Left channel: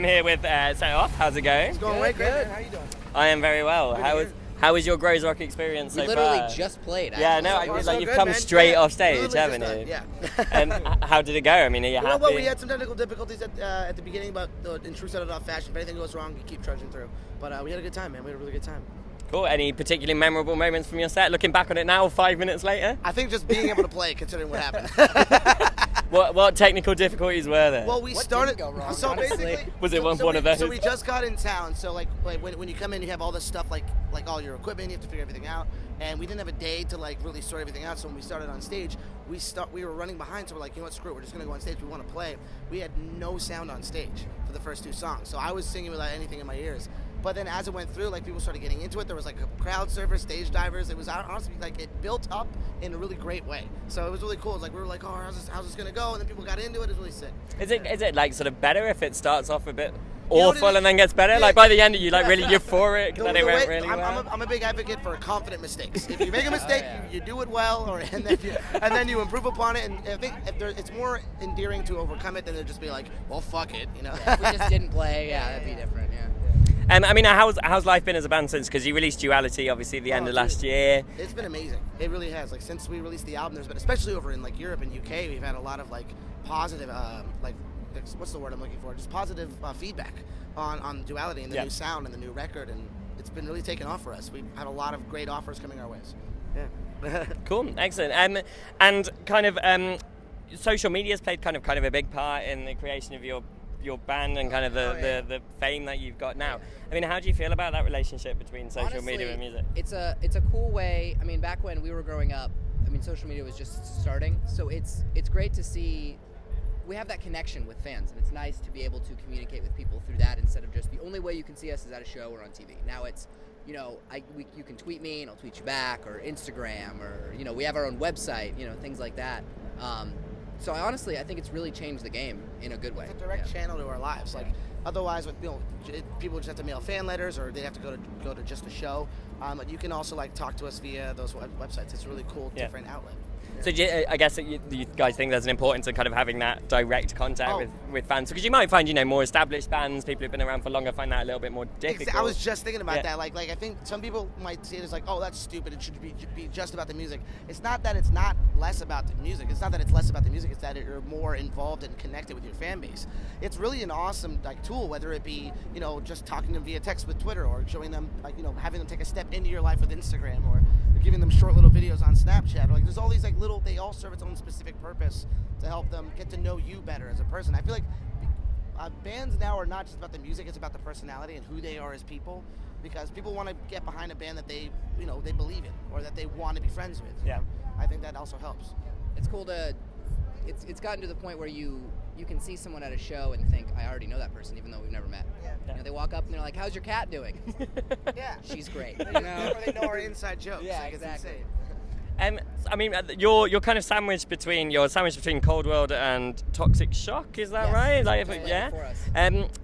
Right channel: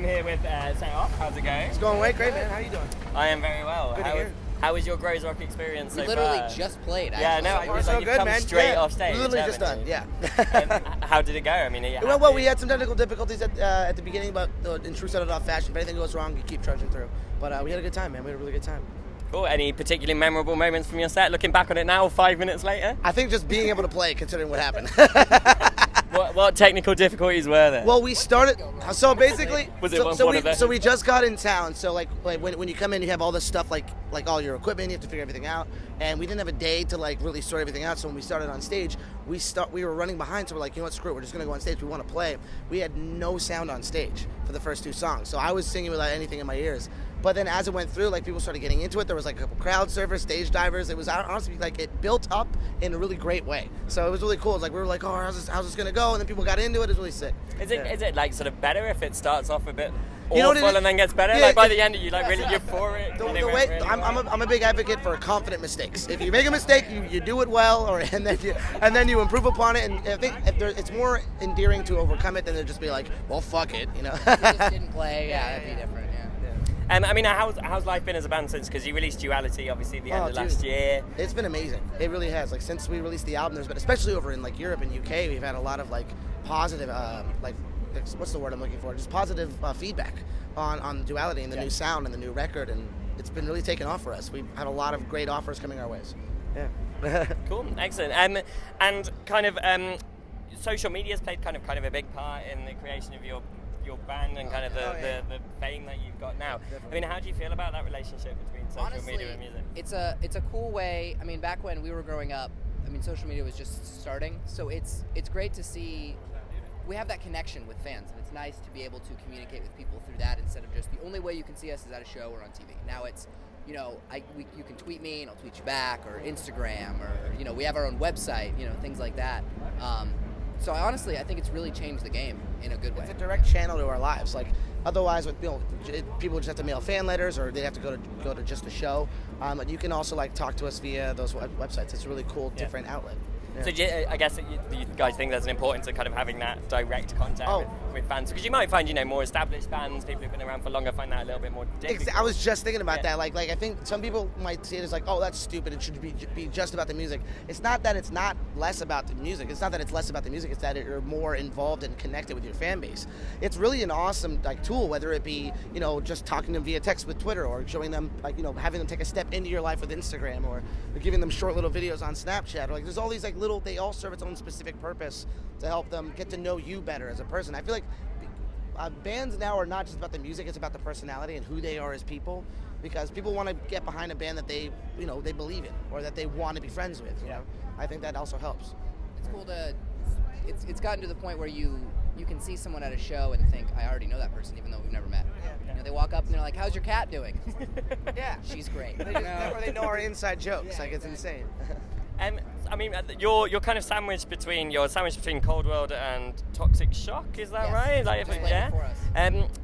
I'm here with Set Off. How's it going? It's going great, man. How you doing? I am very well. How was your Groezrock experience so far? We literally just played, actually. Yeah, no, I was like, you've come straight off stage, haven't you? Yeah. And how did it go? I mean, are you happy? Well, we had some technical difficulties at the beginning, but in true set-it-off fashion, if anything goes wrong, you keep trudging through. But we had a good time, man. We had a really good time. Cool. Any particularly memorable moments from your set? Looking back on it now, 5 minutes later? I think just being able to play, considering what happened. What technical difficulties were there? Well, we started. So basically, was it one of those? So we just got in town. So like when you come in, you have all this stuff like all your equipment. You have to figure everything out. And we didn't have a day to like really sort everything out. So when we started on stage, we were running behind. So we're like, you know what, screw it. We're just gonna go on stage. We want to play. We had no sound on stage for the first 2 songs. So I was singing without anything in my ears. But then as it went through, like people started getting into it. There was like a couple crowd surfers, stage divers. It was honestly like it built up in a really great way. So it was really cool. It was like we were like, oh, how's this gonna go? And then people got into it. It was really sick. Is it like sort of better if it starts off a bit You know awful and then gets better? Yeah, like by the end, are you like really euphoric? I'm a big advocate for confident mistakes. If you make a mistake, you do it well, and then you improve upon it. And I think it's more endearing to overcome it than to just be like, well, fuck it, you know. If we just didn't play, that'd be different. Yeah. I mean, how's life been as a band since? Because you released Duality, obviously, at the end of last year. It's been amazing. It really has. Like since we released the album, there's been, especially over in like Europe and UK, we've had a lot of like positive, what's the word I'm looking for? Just positive feedback on Duality and the new sound and the new record, and it's been really taken off for us. We've had a lot of great offers coming our ways. Yeah. Cool, excellent. And kind of social media's played kind of a big part in the creation of your band and kind of the fame that you've got now. I mean, how do you feel about that relationship between social media and music? It's a cool way. I mean, back when we were growing up, I mean, social media was just starting, so it's great to see we have that connection with fans, and it's nice to be able to communicate with people through that instead of just the only way you can see us is at a show or on TV. Now it's, you know, you can tweet me and I'll tweet you back, or Instagram, or, you know, we have our own website, you know, things like that. So honestly, I think it's really changed the game in a good way. It's a direct channel to our lives. Like otherwise, people just have to mail fan letters, or they have to go to just a show. But you can also like talk to us via those websites. It's a really cool, different outlet. Yeah. So I guess you guys think there's an importance of kind of having that direct contact with fans, because you might find, you know, more established bands, people who've been around for longer, find that a little bit more difficult. I was just thinking about that. Like I think some people might see it as like, oh, that's stupid. It should be just about the music. It's not that it's not less about the music. It's not that it's less about the music. It's that you're more involved and connected with your fan base. It's really an awesome like tool, whether it be, you know, just talking to them via text with Twitter, or showing them, like, you know, having them take a step into your life with Instagram, or giving them short little videos on Snapchat. Or like there's all these like little, they all serve its own specific purpose to help them get to know you better as a person. I feel like bands now are not just about the music, it's about the personality and who they are as people, because people want to get behind a band that they believe in, or that they want to be friends with. You know? I think that also helps. It's cool to, it's gotten to the point where you can see someone at a show and think, I already know that person, even though we've never met. You know, they walk up and they're like, how's your cat doing? Yeah. She's great. Or they know our inside jokes. Like, it's insane. I mean, you're kind of sandwiched between Cold World and Toxic Shock, is that right? Like,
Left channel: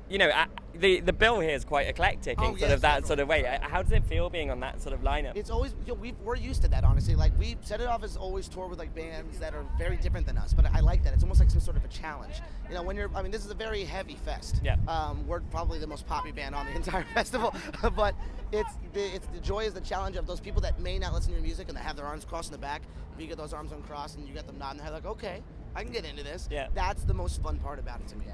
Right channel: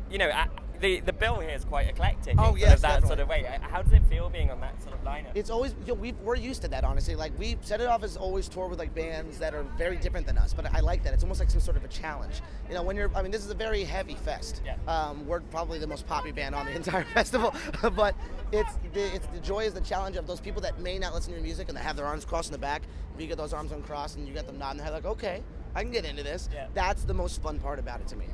you know, the bill here is quite eclectic in sort of that sort of way. How does it feel being on that sort of lineup? It's always, you know, we're used to that, honestly. Like, we Set It Off has always toured with like bands that are very different than us, but I like that. It's almost like some sort of a challenge. You know, this is a very heavy fest. Yeah. We're probably the most poppy band on the entire festival, but it's the joy is the challenge of those people that may not listen to your music and that have their arms crossed in the back. If you get those arms uncrossed and you get them nodding their head like, okay, I can get into this. Yeah. That's the most fun part about it to me.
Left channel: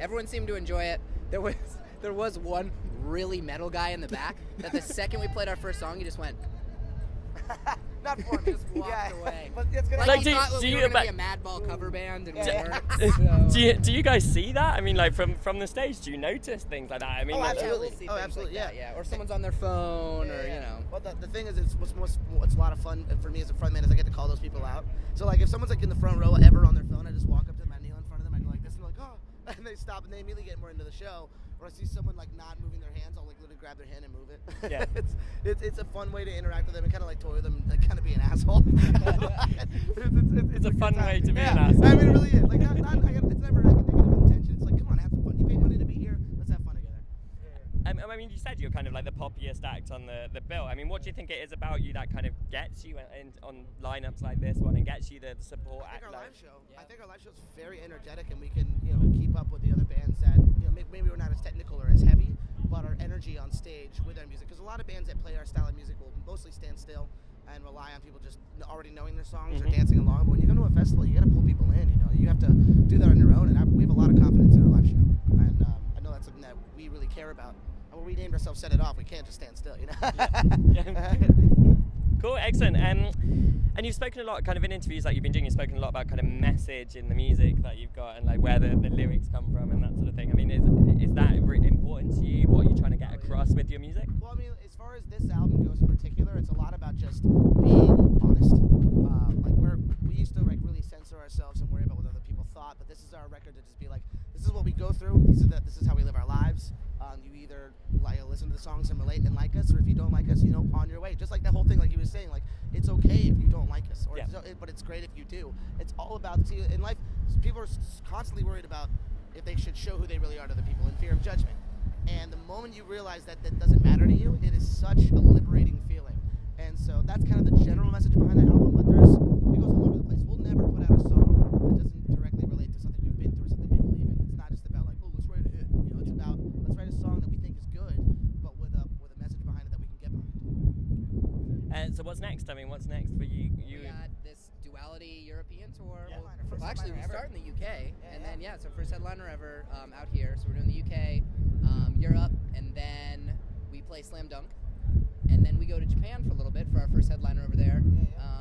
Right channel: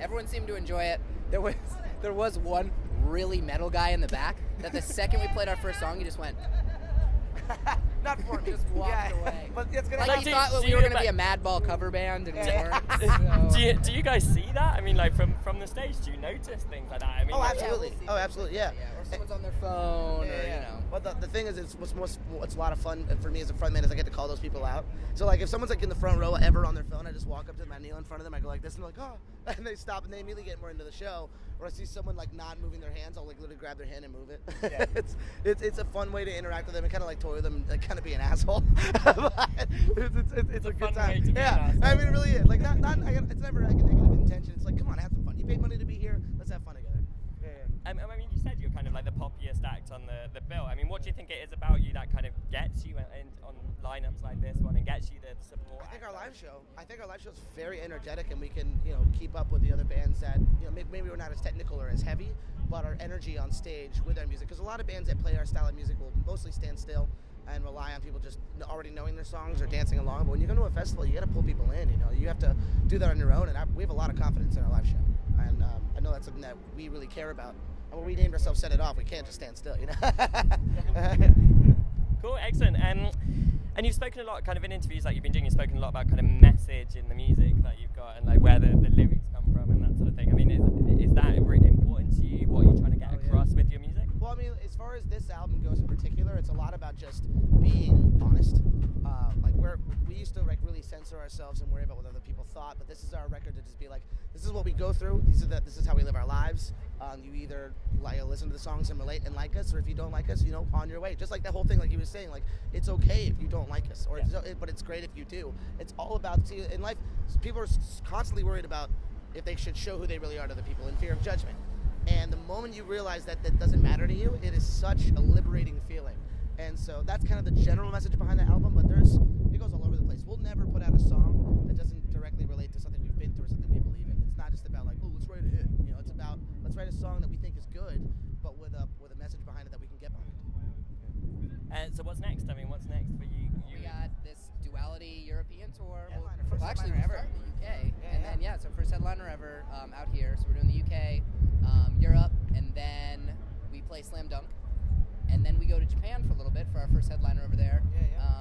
Everyone seemed to enjoy it. There was one really metal guy in the back that the second we played our first song, he just went, not for me. Just walked away. But it's gonna like he thought we were going to be a Madball cover band, and we weren't. So. Do you guys see that? I mean, like from the stage, do you notice things like that? I mean, absolutely. Absolutely. Like yeah. Or someone's on their phone, or you know. Well, the thing is, what's a lot of fun for me as a frontman is I get to call those people out. So like, if someone's like in the front row ever on their phone, I just walk up to them, I kneel in front of them, I go like this, and they're like, oh, and they stop, and they immediately get more into the show. Or I see someone like not moving their hands, I'll like literally grab their hand and move it. Yeah. it's a fun way to interact with them and kind of like toy with them, like kind of be an asshole. it's a fun way to be an asshole. I mean, it really is. Like it's never like a negative intention. It's like, come on, have some fun. You paid money to be here. Let's have fun together. I mean, you said you're kind of like the poppiest act on the bill. I mean, what do you think it is about you that kind of gets you on lineups like this one and gets you the support? I think our live show. I think our live show is very energetic, and we can, keep up with the other bands that, maybe we're not as technical or as heavy, but our energy on stage with our music. Because a lot of bands that play our style of music will mostly stand still and rely on people just already knowing their songs or dancing along. But when you go to a festival, you got to pull people in. You have to do that on your own, and we have a lot of confidence in our live show. And I know that's something that we really care about. And when we named ourselves Set It Off, we can't just stand still, Cool, excellent. And you've spoken a lot, kind of in interviews like you've been doing, you've spoken a lot about kind of message in the music that you've got and like where the lyrics come from and that sort of thing. I mean, is that really important to you? What are you trying to get across with your music? Well, I mean, as far as this album goes in particular, it's a lot about just being honest. We used to really censor ourselves and worry about what other people thought, but this is our record to just be like, this is what we go through. This is how we live our lives. You either listen to the songs and relate and like us, or if you don't like us, on your way. Just like that whole thing, like he was saying, like it's okay if you don't like us, but it's great if you do. It's all about in life. People are constantly worried about if they should show who they really are to other people in fear of judgment. And the moment you realize that doesn't matter to you, it is such a liberating feeling. And so that's kind of the general message behind the album, but it goes all over the place. We'll never put out a song that doesn't directly relate to something we've been through or something we believe in. It's not just about like, oh, let's write a hit. It's about let's write a song that we think is good, but with a message behind it that we can get behind. So what's next? I mean, what's next for you? We got this Duality European tour. Yeah. We'll actually start in the UK, and then so first headliner ever out here. So we're doing the UK, Europe, and then we play Slam Dunk. And then we go to Japan for a little bit for our first headliner over there.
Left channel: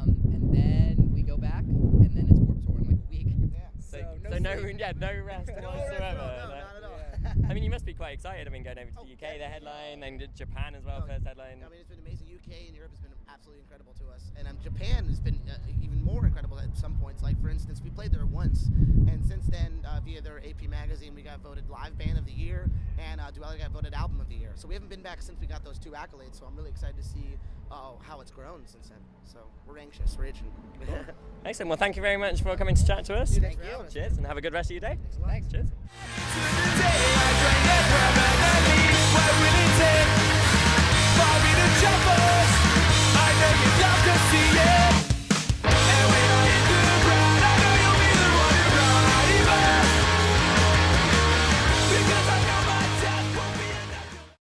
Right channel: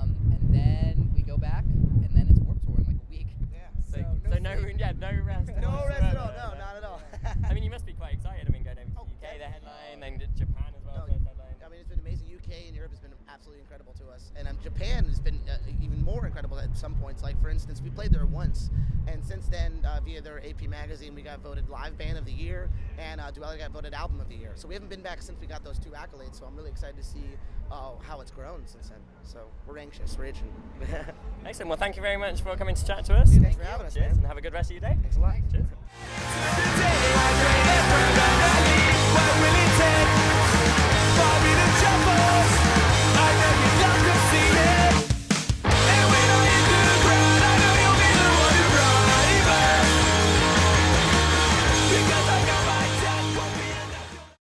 And then we go back, and then it's Warped Tour in like a week. Yeah. So no rest. No rest at all. No, not at all. I mean, you must be quite excited. I mean, going over to the UK, the headline, then to Japan as well, first headline. I mean, it's been amazing. UK and Europe has been absolutely incredible to us, and Japan has been even more incredible at some points. Like for instance, we played there once, and since then, via their AP magazine, we got voted Live Band of the Year, and Duality got voted Album of the Year. So we haven't been back since we got those two accolades. So I'm really excited to see how it's grown since then. So we're anxious, we're itching. Excellent. Well, thank you very much for coming to chat to us. Thanks for having us. Cheers, and have a good rest of your day. Thanks a lot. Cheers. What will it take for me to jump us?